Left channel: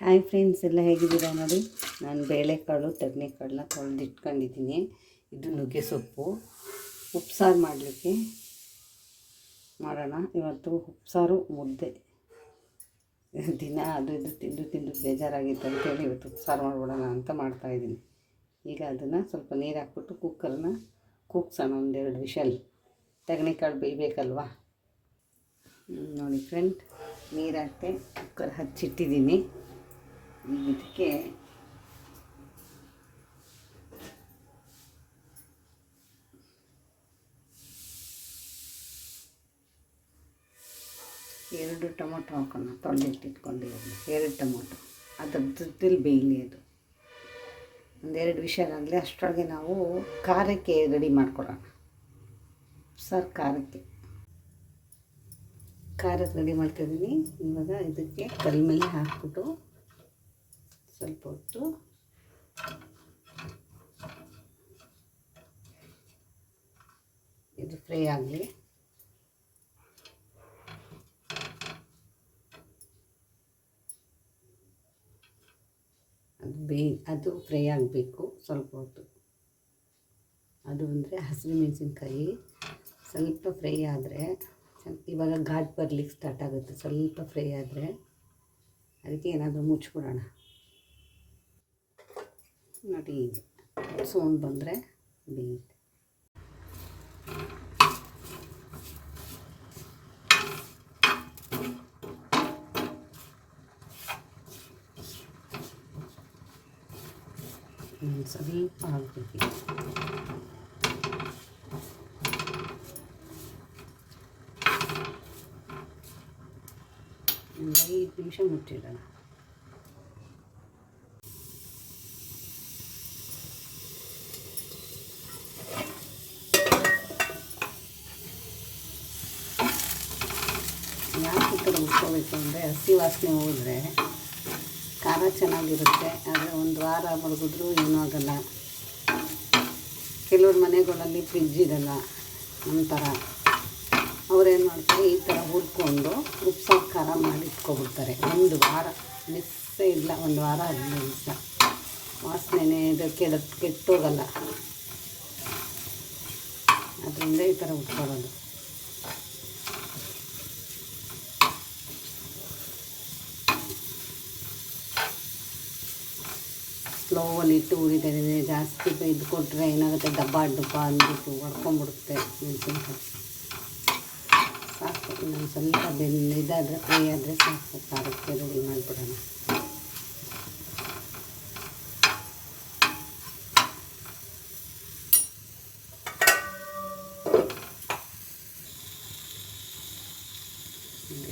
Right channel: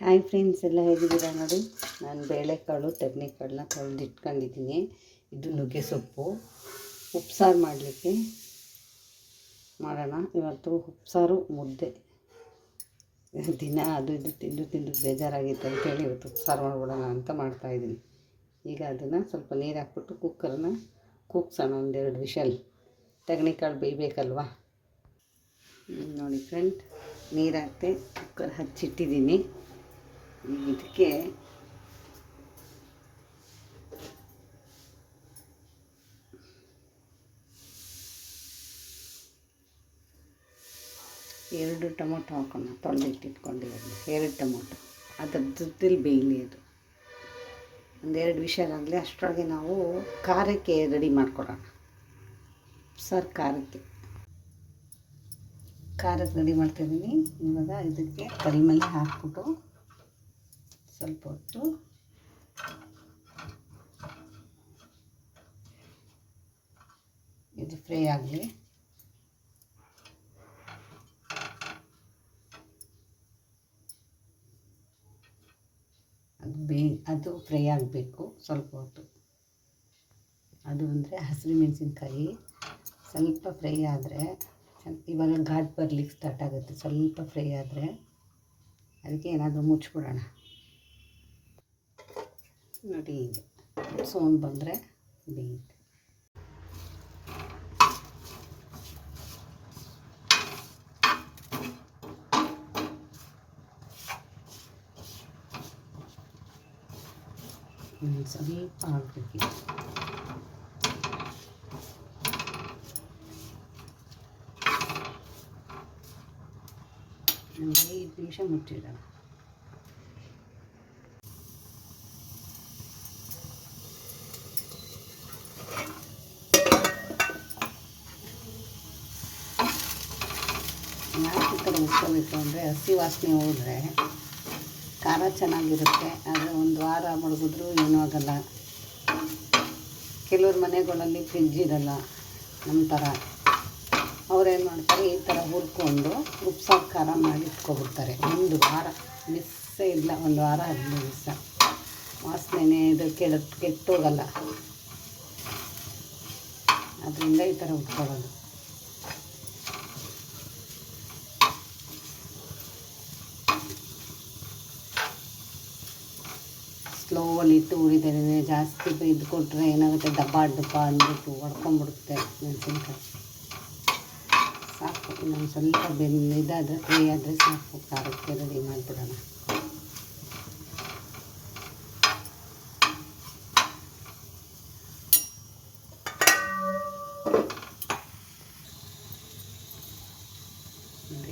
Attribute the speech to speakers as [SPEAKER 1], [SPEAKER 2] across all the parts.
[SPEAKER 1] Hi friends ಎಲ್ಲ ಹೇಗಿದ್ದೀರಾ ನೋಡಿ? ನಾನು ಬೇಳೆಕಾಳು, ತಗನೆಕಾಳನ್ನ ತೊಳೆದು ಇಟ್ಕೊಂಡಿದ್ದೀನಿ ಇದು ನುಗ್ಗೆ ಸೊಪ್ಪು. ಉಪ್ಸಾರು ಮಾಡಲಿಕ್ಕೆ. ಮಾಡೋಣ. ಇವತ್ತು ಉಪ್ಸಾರು ಮುದ್ದೆ. ದಿನ ಅದು ಇದು ತಿಂದು ತಿಂದು ಬೇಜಾರಾಗಿತ್ತು ಅಂತೇಳಿ ಇವತ್ತು ಉಪ್ಸಾರು ಮಾಡ್ಬಿಡೋಣ ಅಂತ ಮಾಡ್ತಾಯಿದ್ದೀನಿ ಈಗ ಅದನ್ನು ಸ್ವಲ್ಪ ನೀರು ಹಾಕ್ಬಿಟ್ಟು ಕುಕ್ಕರ್ನ ಕೂಗ್ಸೋಣ ಒಂದೆರಡು ವಿಷಲ್. ಕಾಳು ಬೇಯಬೇಕಲ್ವಾ? ನೋಡಿ ಫ್ರೆಂಡ್ ನೀರು ಹಾಕ್ತೆ ಕುಕ್ಕರ್ ಹಚ್ಚಿಟ್ಟಿದ್ದೀನಿ. ಇದಕ್ಕೆ ಎರಡು ಟೊಮೊಟೊ ಹಾಕೋಣ ತೊಳೆದಿಟ್ಟಿಟ್ಕೊಂಡಿರೋದು ಎರಡು ಟೊಮೊಟೊ. ಅದ್ರ ಜೊತೆಲಿ ಬೇಯಲಿ ಅದು. ಒಂದೆರಡು ವಿಷಯ ಆಗಲಿ, ಅಷ್ಟರೊಳಗೆ ನಾವು ಖಾರಕ್ಕೆ ರೆಡಿ ಮಾಡ್ಕೊಳ್ಳೋಣ ಸರ್, ಖಾರಕ್ಕೆ. ಖಾರಕ್ಕೆ ರೆಡಿ ಮಾಡ್ತಿದ್ದೀನಿ ಇವಾಗ ಇದಕ್ಕೆ ಕಲ್ಮಲ್ಲಿ ಮೇಲೆ ಹಾಕ್ಬಿಟ್ಟು ಸ್ವಲ್ಪ ಹೊತ್ತು. ಇದು ಫ್ರೈ ಆಗಲಿ. ಅದು ಬೇ, ಅದು ಫ್ರೈ ಆಗಬೇಕು ಸ್ವಲ್ಪ ಹೊತ್ತು. ಅದು ಅಂದರೆ ಹಸಿರು ಮೆಣಸಿನ್ಕಾಯಿ. ಸ್ವಲ್ಪ ಫ್ರೈ ಆದರೆ ಇವಾಗ ಘಾಟ್ ಬರ್ಲಿಕ್ಕೆ ಸ್ಟಾರ್ಟ್ ಆಗುತ್ತೆ. ಸ್ವಲ್ಪ ಫ್ರೈ ಆದರೆ, ಅದಕ್ಕೆ ಏನಾದರೂ ಮುಚ್ಚಿಬಿಡೋಣ ನೋಡಿ ಹೀಗೆ ಸೌಂಡ್ ಬಂದರೆ ಬೇಯುತ್ತೆ ಇನ್ನು ಸ್ವಲ್ಪ ಹಾಕ್ಬೇಕಿದೆ ಒಂದು ಐದು ನಿಮಿಷ ಮುಚ್ಚಿಡೋಣ ಈ ಅಂದರೆ ಹಸಿ ವಾಸನೆ ಹೋದರೆ ಖಾರ ಚೆನ್ನಾಗಿರುತ್ತೆ, ಆದರೆ ಒಂದು ವಾರ ಮಡಗಿದ್ರೂ ಏನೂ ಆಗಲ್ಲ. ಕೆಲವ್ರ ಮನೆಗಳಲ್ಲಿ ಫ್ರಿಜ್ ಇರಲ್ಲ ನಮ್ಮ ಥರ. ಅವ್ರೇನು ಮಾಡ್ತಾರೆ, ಈ ಥರ ಹುರ್ಕೊಂಡು ಉಪ್ಸಾರು ಖಾರ ಮಾಡಿ ಇಟ್ಕೊಬಿಡ್ತಾರೆ ಒಂದು ವಾರ, ಮಿಸ್ಸೇ ಇಲ್ಲ, ಒಂದು ವಾರ ಹದಿನೈದು ದಿವಸ. ವಾಸನೆ ಇದು ಕೆಡ ಕೆಟ್ಟೋಗಲ್ಲ. ಅದರಿಂದ ಈ ಥರ ಉಟ್ಕೊಳ್ಳೋದು ಸ್ಲೋವಲ್ಲಿ ಇಟ್ಟು ಉರಿತಾಯಿದ್ದೀನಿ ಜಾಸ್ತಿ ಇದು ಕೊಟ್ಟರೆ ಏನಾಗುತ್ತೆ ಡಬ್ಬ ಡುಬ್ಬ ಅಂದ್ಬಿಟ್ಟು ಹೊಡ್ಕೊಂಬಿಡುತ್ತೆ ಮೆಣಸಿನ್ಕಾಯಿ. ಸಾಕು, ಇನ್ನೊಂದು ಸ್ವಲ್ಪ ಬೆಂದು ಇದಾದರೆ, ಫ್ರೈ ಆದರೆ ಸಾಕು, ಖಾರಕ್ಕೆ ರೆಡಿ ಮಾಡಿಬಿಡೋಣ.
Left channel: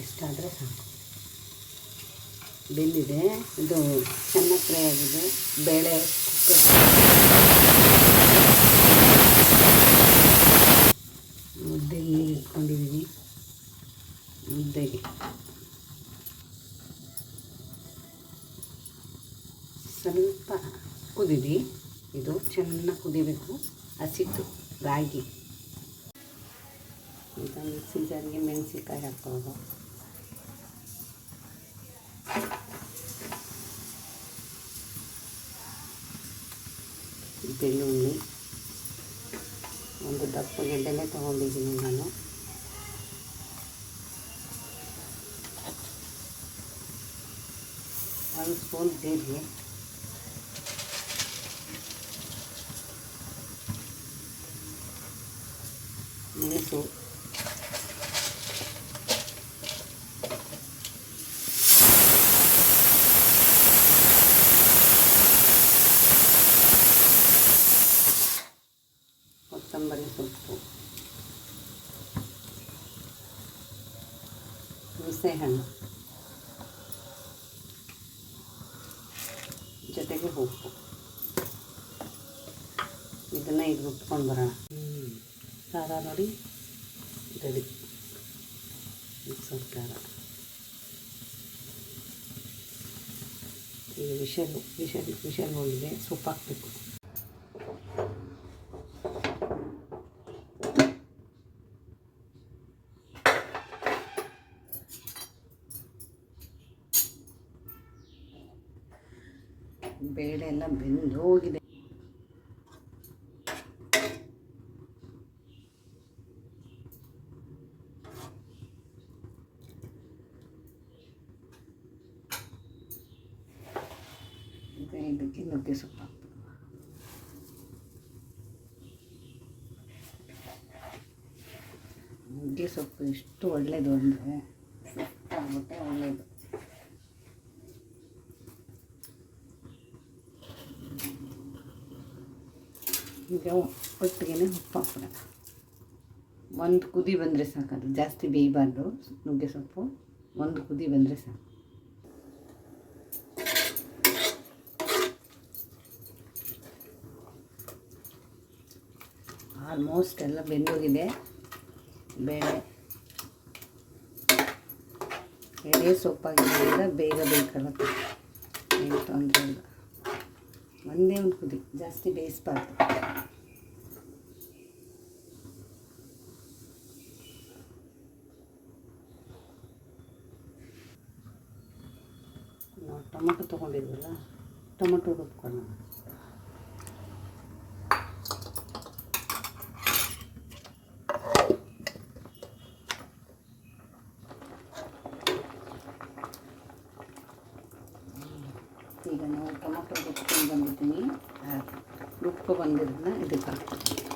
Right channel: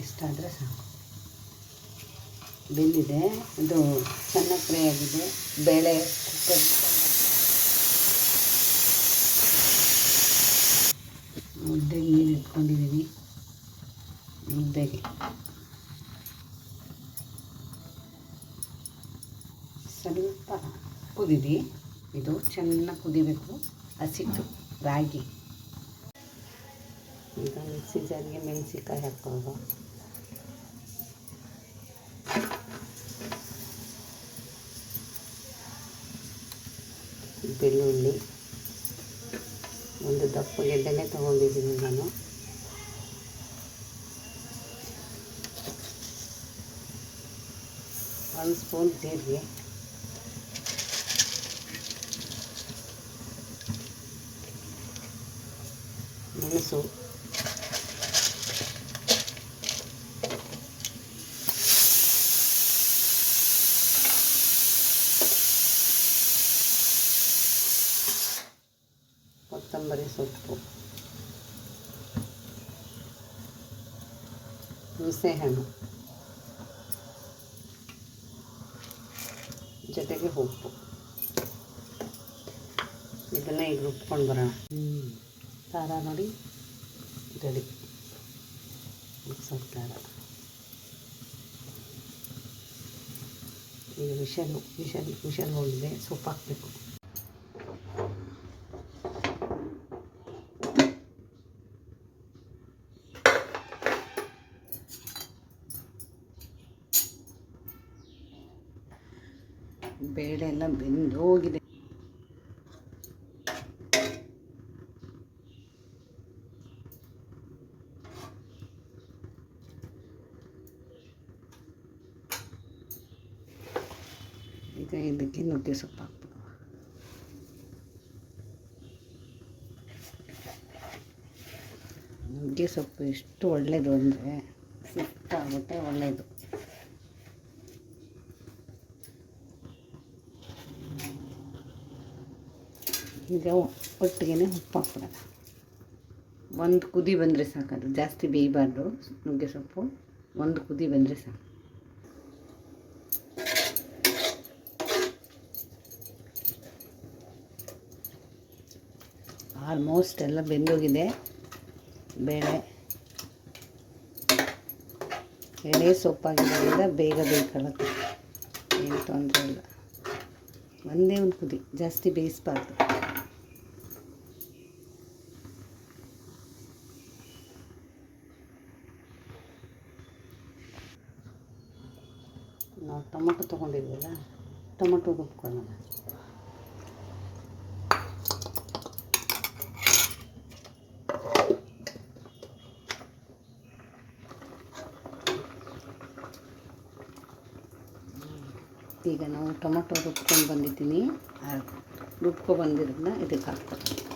[SPEAKER 1] ಎಷ್ಟಾದರೆ ಸಾಕು. ಬೆಂದಿದೆ. ಇದು ಚೆನ್ನಾಗಿ ಫ್ರೈ ಆಗಿದೆ. ಬೇಳೆ ಕುಕ್ಕರ್ ಮುದ್ದೆಗೆ ನೀರು ಇಟ್ಕೊಂಡಿದ್ದೀನಿ ಮುದ್ದೆಗೆ. ಸ್ವಲ್ಪ ಕುದಿದಿ ಇದು ಚೆನ್ನಾಗಿ ಕುದಿಬೇಕು. ಹಸಿಟ್ಟು ರಾಗಿ. ಈಗ ಮಿಕ್ಸಿ ಜಾರಿಗೆ ಮೆಣಸಿನ್ಕಾಯಿ ಹಾಕೋದು ಬೆಳ್ಳುಳ್ಳಿ ಒಂದು ದಪ್ಪ ಗೆಡ್ಡೆನೇ ತೊಗೊಂಡಿದ್ದೀನಿ ನಾನು. ಒಂದು ಸ್ಪೂನ್ ಜೀರಿಗೆ. ಮೆಣಸು ಕೊತ್ತಂಬರಿ ಸೊಪ್ಪು ಹುಣಸೆಹಣ್ಣು ಜೊತೆಗೆ ಉಪ್ಪು. ಇದನ್ನು ಈಗ ರುಬ್ಕೊಂಡು ಬರೋಣ. ಖಾರ ನೋಡಿ. ರೆಡಿ. ಸ್ವಲ್ಪ ಖಾರ. ಈಗ ವಿಷಲ್ ವಿಷಲ್ ವಿಷಲ್ ಹೋಗಿದೆ ಸೊಪ್ಪು ಹಾಕಬೇಕು. ಬೇಳೆ ಎಲ್ಲ ಬೆಂದು ಹೋಗಿದೆ. ಈಗ ಇದಕ್ಕೆ ನುಗ್ಗೆ ಸೊಪ್ಪು ಹಾಕ್ಬೋದು ನುಗ್ಗೆ ಸೊಪ್ಪು ಎಷ್ಟು ಒಳ್ಳೆಯದು ಅಂದರೆ ಸುತ್ತಾಗುತ್ತೆ ಒಳ್ಳೆಯದು ಈಗ ಒಟ್ಟಿಗೆ ಉಪ್ಪು ಹಾಕ್ಬಿಡೋಣ. ಒಂದು ಕುದಿ ಬಂದರೆ ಸಾಕದು ಜಾಸ್ತಿ ಬೇಯಬಾರ್ದು. ನುಗ್ಗೆ ಸೊಪ್ಪು. ಒಂದು ಕುದಿ ಬಂದರೆ ಸಾಕು. ಆಲ್ಮೋಸ್ಟ್ ಎಲ್ಲ ಬೆಂದೋಗಿದೆ. ಬೇಳೆ. ಎಳೆ ಸೊಪ್ಪಾಗಿರೋದ್ರಿಂದ ಬೇಗ ಬೇಕಲ್ಲ ಏನು ತೊಂದರೆ ಇಲ್ಲ. ಒಂದೇ ಒಂದು ಕುದಿ. ಜಾಸ್ತಿ ಬೇಯಿಸ್ಬಾರ್ದು. ನಾವು ಟೊಮೊಟೊ ತೊಗೊಂಡಿದ್ವಲ್ಲ ಟೊಮೊಟೊ ರುಬ್ಕೊಳ್ಳೋಣ. ಈಗ ನಾವು ಟೊಮೊಟೊ ರುಬ್ಕೊಂಡು ಬಂದಿದ್ದೀನಿ. ರುಬ್ಕೊ ಬಂದಿರೋದನ್ನ ಇದಕ್ಕೆ ಹಾಕ್ತೀನಿ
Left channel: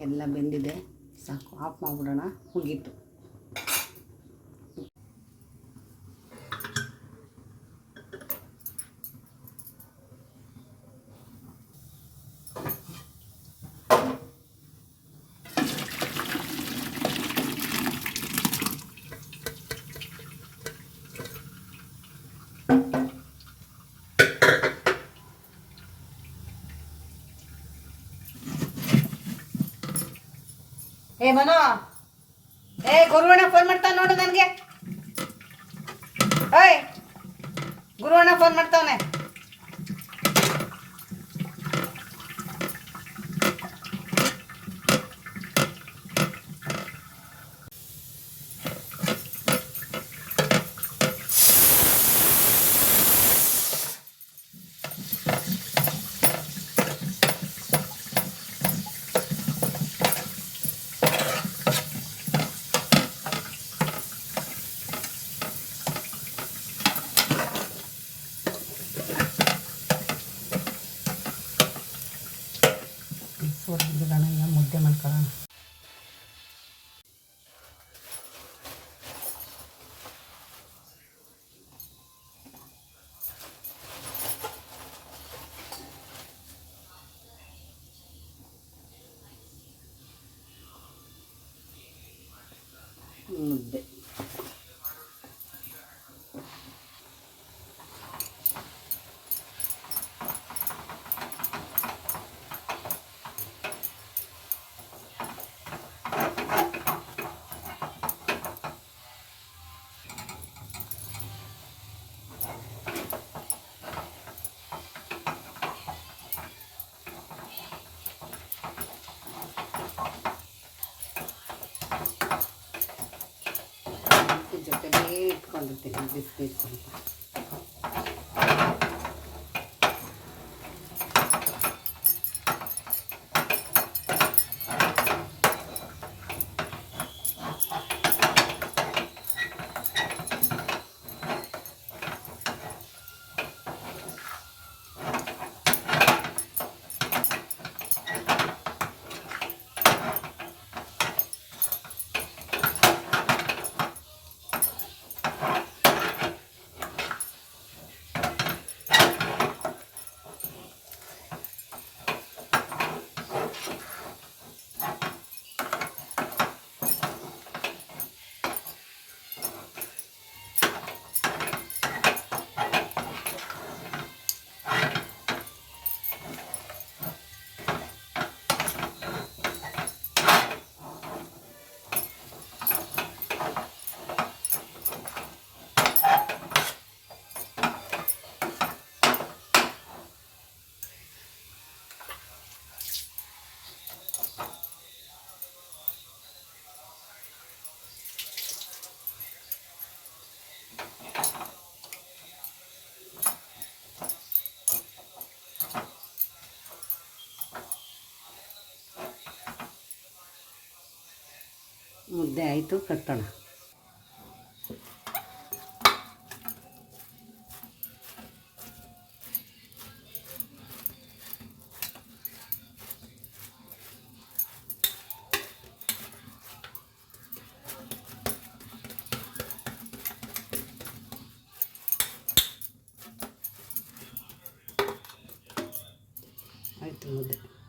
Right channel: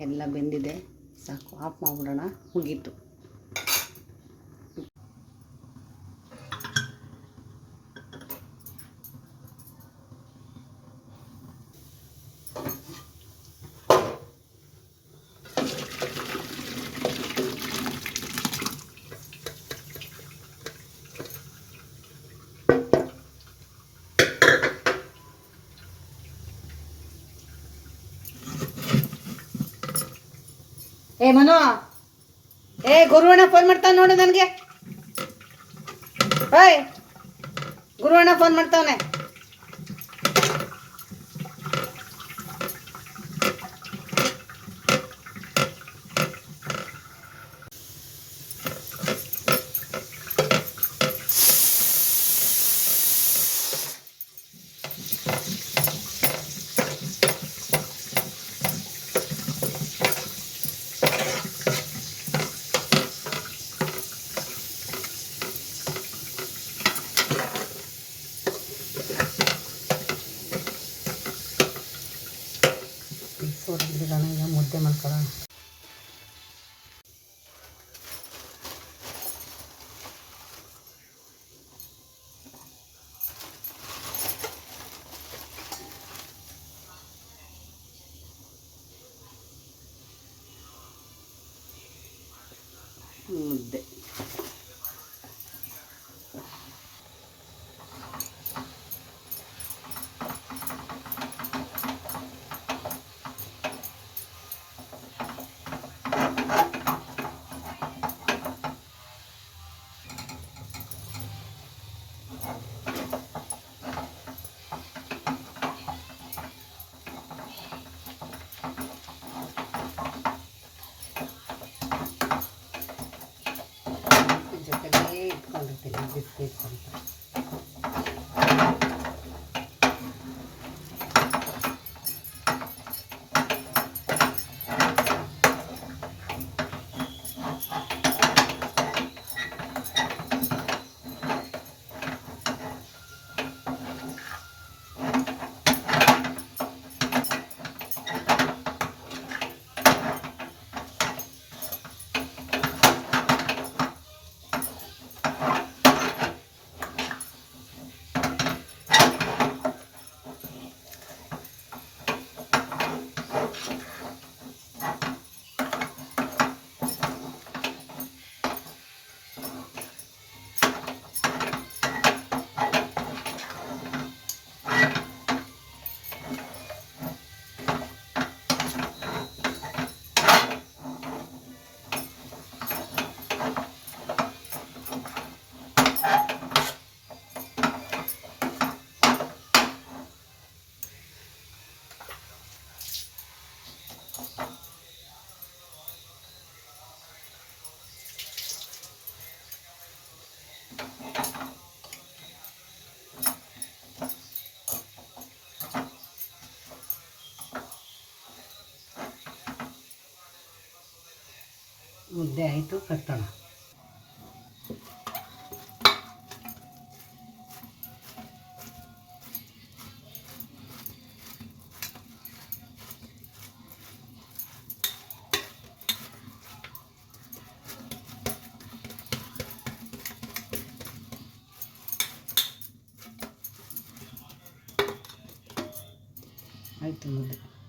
[SPEAKER 1] ಎಲ್ಲ ಬೆಂದಿದೆ. ಸಾಕು ಆಫ್ ಮಾಡಿಬಿಡೋಣ. ಮುಗೀತು. ಏ ಮನು. ಏ ಗುರುವಣ್ಣ ಫೋನ್ ಮಾಡ್ತಾನೆ ನೋಡು ನನಗೆ. ಓಯ್. ಗುರುವಣ್ಣ ಫೋನ್ ಮಾಡ್ತಾವನೆ. ಸೋರಿಬಿಡೋಣ ಈಗ ಮುದ್ದೆ ಮಾಡ್ಕೊಳ್ಳೋಣ ಜೊತೆಲೇ ಇಟ್ಕೊಂಡಿರ್ತೀನಿ ಬಿಸ್ಕೆಟ್ ಅಂತ ಮುದ್ದೆ ಆಯಿತು ಕಟ್ಟೋಣ. ಆಯಿತು ಮುದ್ದೆ.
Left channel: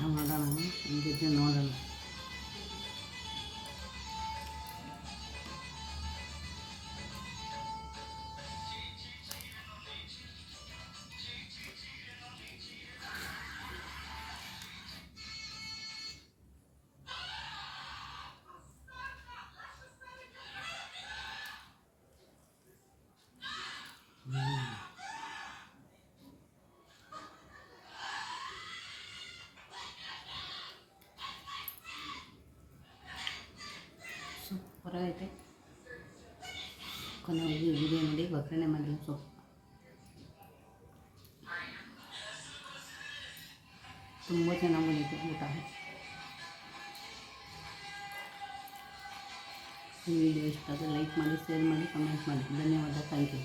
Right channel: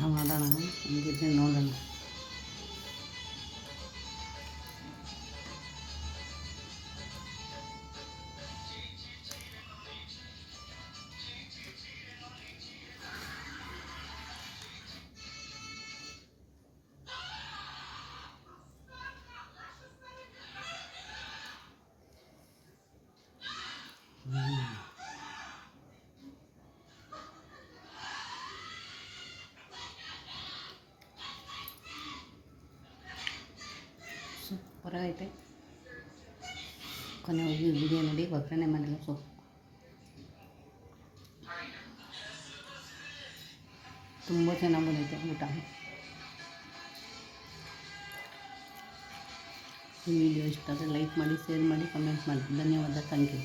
[SPEAKER 1] ಈಗ ಊಟ ಮಾಡೋಣ ಹಂಗಿದ್ರೆ ನೋಡೋಣ ಸೂಪರಾಗೈತೆ ಕೊನೆಯಲ್ಲಿ ವಿಡಿಯೋ ನೋಡಿ ಒಗ್ಗರಣೆ ಮಾಡಿಲ್ಲ ಸೊಪ್ಪು ತುಂಬ ಚೆನ್ನಾಗಿ ಬಂದೈತೆ ಊಟ ಈ ವಿಡಿಯೋ ಇಷ್ಟ ಆದರೆ ಲೈಕ್ ಮಾಡಿ ಶೇರ್ ಮಾಡಿ ಕಮೆಂಟ್ ಮಾಡಿ ಧನ್ಯವಾದ ಥ್ಯಾಂಕ್ ಯು